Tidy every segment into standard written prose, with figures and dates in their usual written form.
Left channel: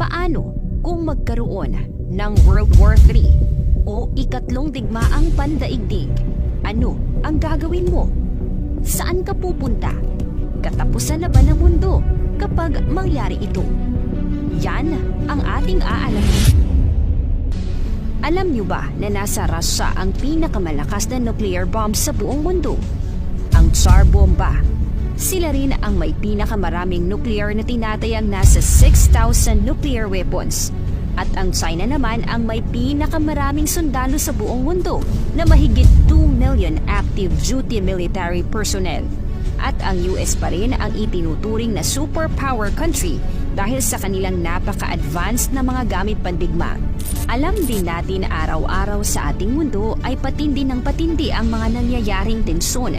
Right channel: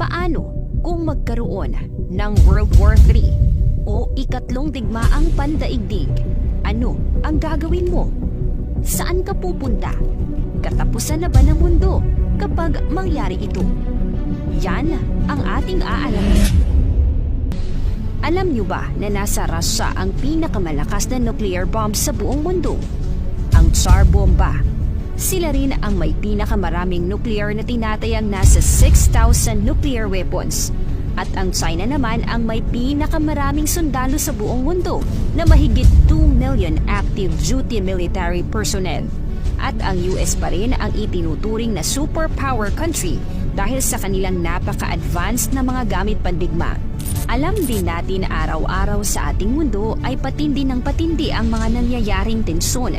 Paano kung magkaroon ng World War III o ikatlong digmaang pandaigdig? Ano ang gagawin mo? Saan ka pupunta? Katapusan na ba ng mundo kapag mangyari ito? Yan ang ating aalamin. Alam niyo ba na nasa Russia ang pinakamalakas na nuclear bomb sa buong mundo? Ang Tsar Bomba. Sila rin ang may pinakamaraming nuclear na tinatayang nasa 6,000 nuclear weapons. At ang China naman ang may pinakamaraming sundalo sa buong mundo na mahigit 2 million active duty military personnel. At ang US pa rin ang itinuturing na superpower country dahil sa kanilang napaka-advanced na mga gamit pandigma. Alam din natin na araw-araw sa ating mundo ay patindi ng patindi ang mga nangyayaring tensyon.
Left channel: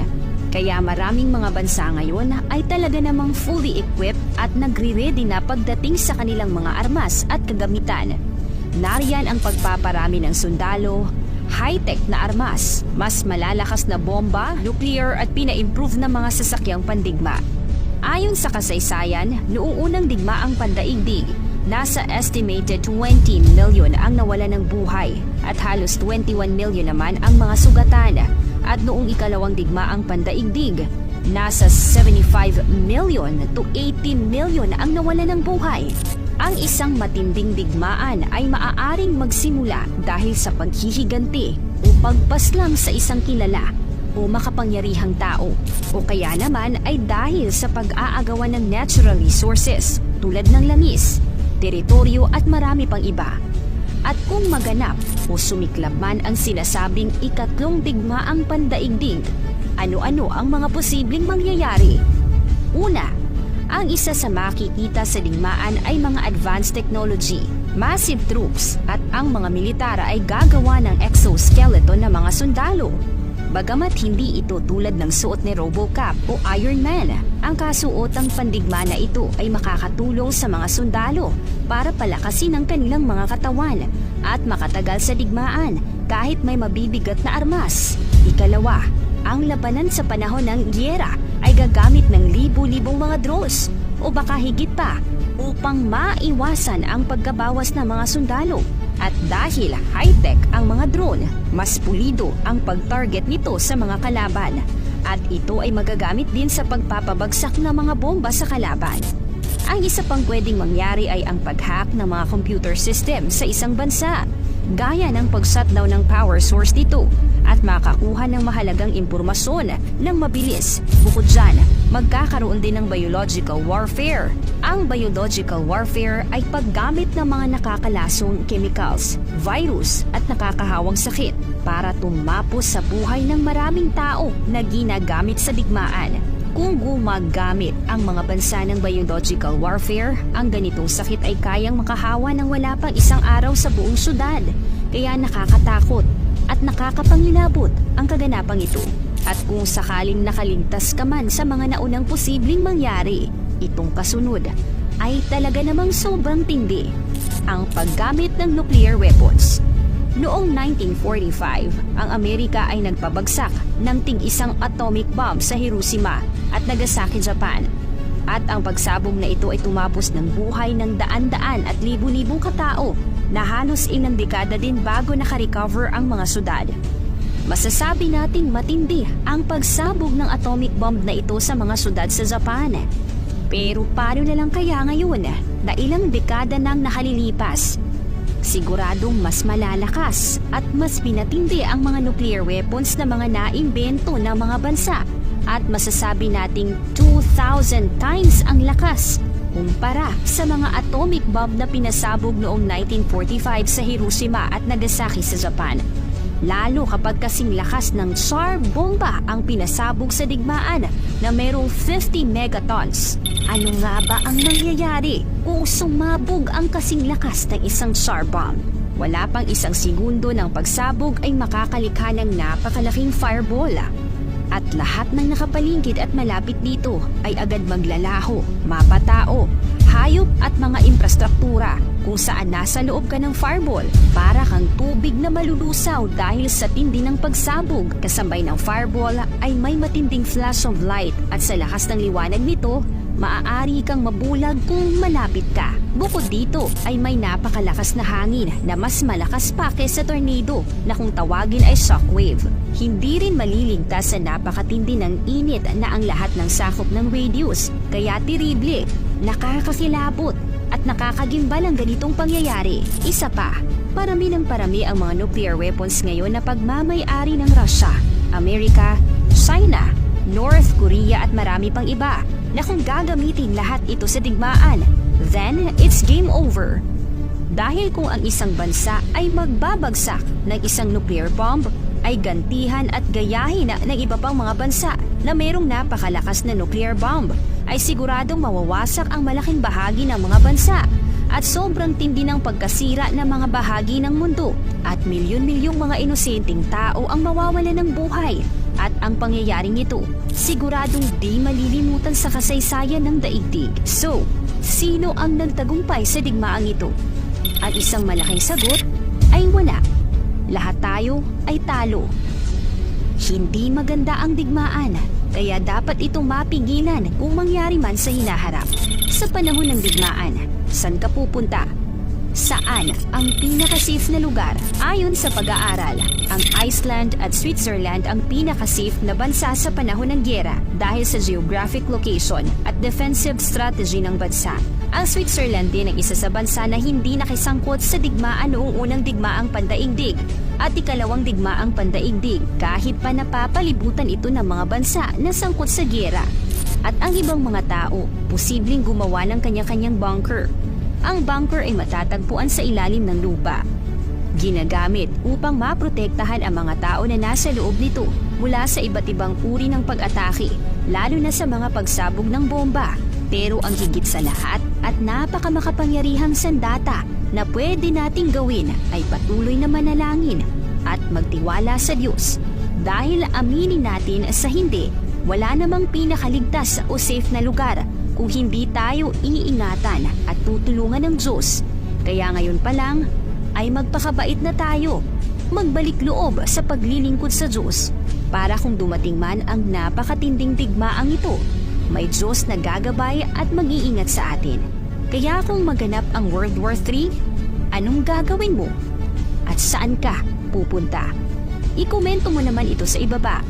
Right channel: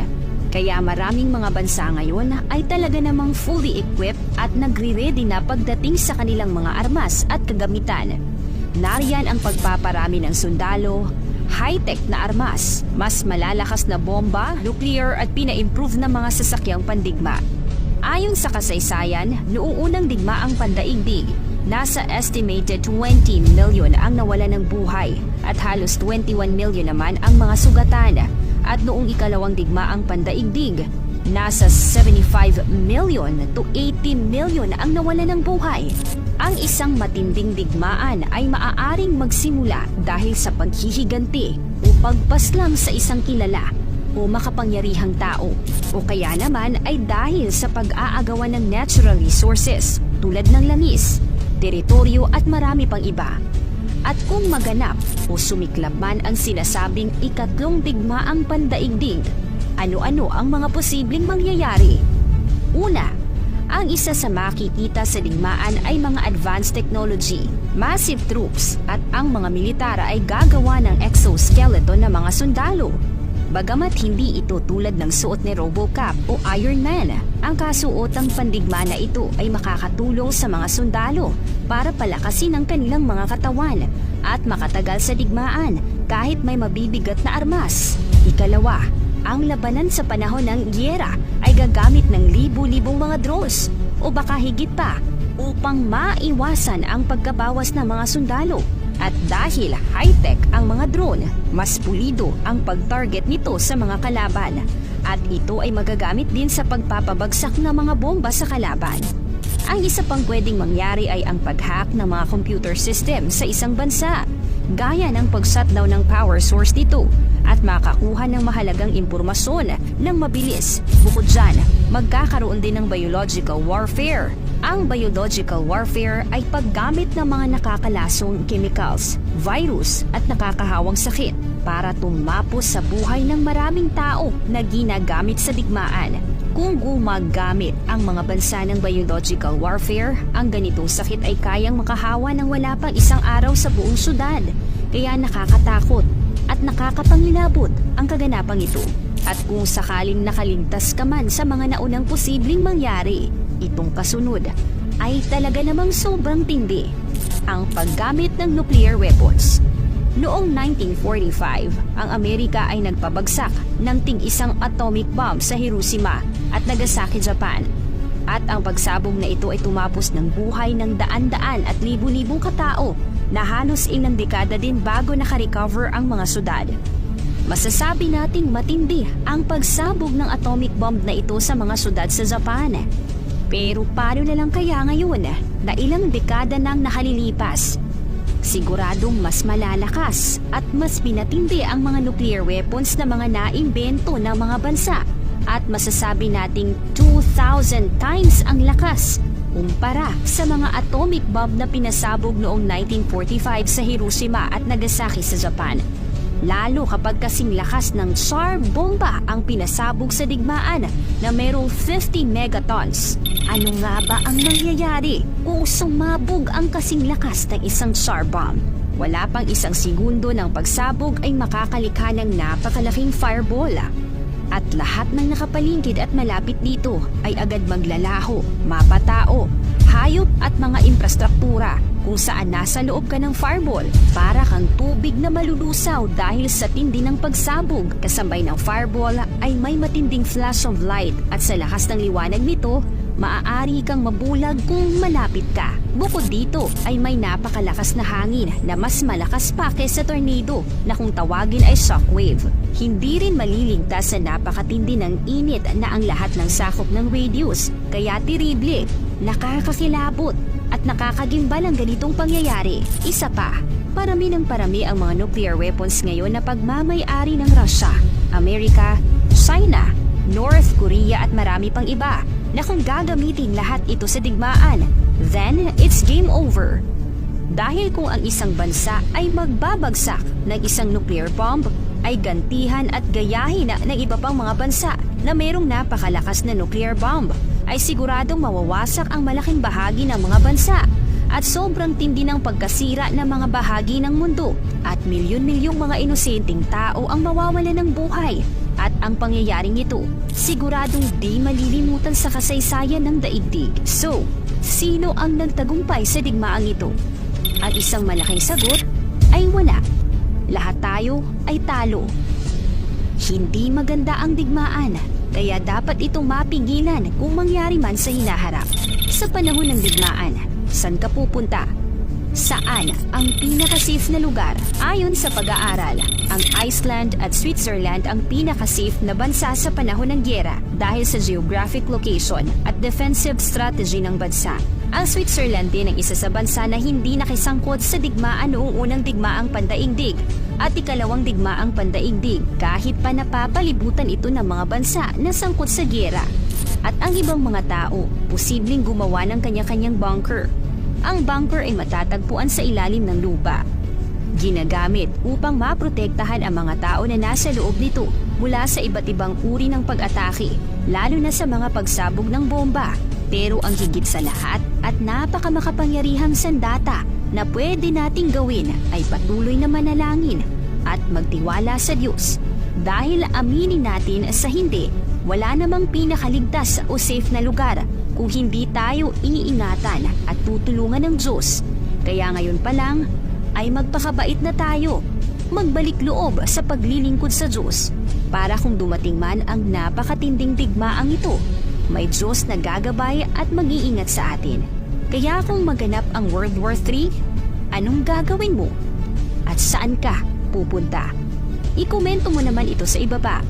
Kaya maraming mga bansa ngayon ay talaga namang fully equipped at nagre-ready na pagdating sa kanilang mga armas at kagamitan. Nariyan ang pagpaparami ng sundalo, high-tech na armas, mas malalakas na bomba, nuclear at pina-improve na mga sasakyang pandigma. Ayon sa kasaysayan, noong unang digmaang pandaigdig, nasa estimated 20 million ang nawala ng buhay at halos 21 million naman ang mga sugatan. At noong ikalawang digmaang pandaigdig, nasa 75 million to 80 million ang nawala ng buhay. Ang isang matinding digmaan ay maaaring magsimula dahil sa paghihiganti o pagpaslang sa isang kilala o makapangyarihang tao o kaya naman ay dahil sa pag-aagawan ng natural resources tulad ng langis, teritoryo at marami pang iba. At kung maganap o sumiklab man ang sinasabing ikatlong digmaang pandaigdig, ano-ano ang mga posibleng mangyayari? Una, ang isa sa makikita sa digmaan ay mga advanced technology, massive troops at ang mga militara ay gagawa ng exoskeleton ng mga sundalo. Bagamat hindi ito tulad ng suot ni Robocop o Iron Man, ang kasuotang pandigma na ito ay makakatulong sa mga sundalo para palakasin ang kanilang mga katawan at makatagal sa digmaan kahit may mabibigat na armas. Ikalawa, ang labanan sa panahon ng gyera ay gagamit ng libu-libong mga drones o baka higit pa upang maiwasan ang pagkabawas ng mga sundalo. At dahil high-tech ang mga drone, mas pulido ang pag-target nito sa mga kalaban. At ito ay magagamit din sa pagpapabagsak ng mga bomba sa kalaban. Ang isa pang pwedeng mangyari ay ang pag-hack ng mga computer system sa isang bansa, gaya ng pag-shutdown ng power source nito at makakuha ng mahalagang impormasyon ng mabilis. Bukod dyan, magkakaroon din ng biological warfare. Ang biological warfare ay paggamit ng mga nakakalasong chemicals, virus at nakakahawang sakit para tumapos sa buhay ng maraming tao na ginagamit sa digmaan. Kung gumagamit ang mga bansa ng biological warfare, ang ganitong sakit ay kayang makahawa ng wala pang isang araw sa buong syudad. Kaya nakakatakot at nakakapangilabot ang kaganapang ito. At kung sakaling nakaligtas ka man sa mga naunang posibleng mangyari, itong kasunod ay talaga namang sobrang tindi. Ang paggamit ng nuclear weapons. Noong 1945, ang Amerika ay nagpabagsak ng ting-isang atomic bomb sa Hiroshima at Nagasaki, Japan. At ang pagsabog na ito ay tumapos ng buhay ng daan-daan at libu-libong katao na halos ilang dekada din bago nakarecover ang mga syudad. Masasabi nating matindi ang pagsabog ng atomic bomb na ito sa mga syudad sa Japan. Pero paano na lang kaya ngayon na ilang dekada nang nakalilipas? Siguradong mas malalakas at mas pinatindi ang mga nuclear weapons na mga naimbento ng mga bansa at masasabi nating 2,000 times ang lakas kumpara sa mga atomic bomb na pinasabog noong 1945 sa Hiroshima at Nagasaki sa Japan. Lalo kapag kasing lakas ng Tsar Bomba ang pinasabog sa digmaan na mayroong 50 megatons. Ano nga ba ang mangyayari kung sumabog ang kasing lakas ng isang Tsar Bomb? Wala pang isang segundo ng pagsabog ay makakalikha ng napakalaking fireball. At lahat ng nakapaligid at malapit dito ay agad maglalaho, mapatao, hayop at mga infrastruktura kung saan nasa loob ka ng fireball para kang tubig na malulusaw dahil sa tindi ng pagsabog. Kasabay ng fireball ay may matinding flash of light at sa lakas ng liwanag nito, maaari kang mabulag kung malapit ka. Bukod dito ay may napakalakas na hangin na mas malakas pa kaysa tornado na kung tawagin ay shockwave. Hindi rin maliligtas sa napakatindi ng init na ang lahat ng sakop ng radius, kaya tirible, nakakakilabot at nakakagimbal ang ganitong pangyayari. Isa pa, parami ng parami ang mga nuclear weapons ngayon na pagmamay-ari ng Russia, Amerika, China, North Korea at marami pang iba na kung gagamitin lahat ito sa digmaan, then it's game over. Dahil kung ang isang bansa ay magbabagsak ng isang nuclear bomb, ay gantihan at gayahin ng iba pang mga bansa na mayroong napakalakas na nuclear bomb, ay siguradong mawawasak ang malaking bahagi ng mga bansa at sobrang tindi ng pagkasira ng mga bahagi ng mundo at milyon-milyong mga inosenteng tao ang mawawala ng buhay. At ang pangyayaring ito, siguradong di malilimutan sa kasaysayan ng daigdig. So, sino ang nagtagumpay sa digmaang ito? Ang isang malaking sagot ay wala. Lahat tayo ay talo. Hindi maganda ang digmaan, kaya dapat itong mapigilan kung mangyari man sa hinaharap. Sa panahon ng digmaan, saan ka pupunta? Saan ang pinaka-safe na lugar? Ayon sa pag-aaral, ang Iceland at Switzerland ang pinaka-safe na bansa sa panahon ng gyera dahil sa geographic location at defensive strategy ng bansa. Ang Switzerland din ang isa sa bansa na hindi nakisangkot sa digmaan noong unang digmaang pandaigdig at ikalawang digmaang pandaigdig kahit pa napapalibutan ito ng mga bansa na sangkot sa gyera. At ang ibang mga tao, posibleng gumawa ng kanya-kanyang bunker. Ang bunker ay matatagpuan sa ilalim ng lupa. Ginagamit upang maprotektahan ang mga tao na nasa loob nito mula sa iba't ibang uri ng pag-atake, lalo na sa mga pagsabog ng bomba. Pero ang higit sa lahat at napakamakapangyarihang sandata na pwede nating gawin ay patuloy na manalangin at magtiwala sa Diyos. Dahil aminin natin sa hindi, wala namang pinakaligtas o safe na lugar kung hindi tayo iingatan at tutulungan ng Diyos. Kaya ngayon pa lang ay magpakabait na tayo, magbalik loob sa paglilingkod sa Diyos para kung dumating man ang napakatinding digmaang ito, may Diyos na gagabay at mag-iingat sa atin. Kaya kung maganap ang World War III, anong gagawin mo? At saan ka pupunta? I-komento mo naman ito sa ibaba.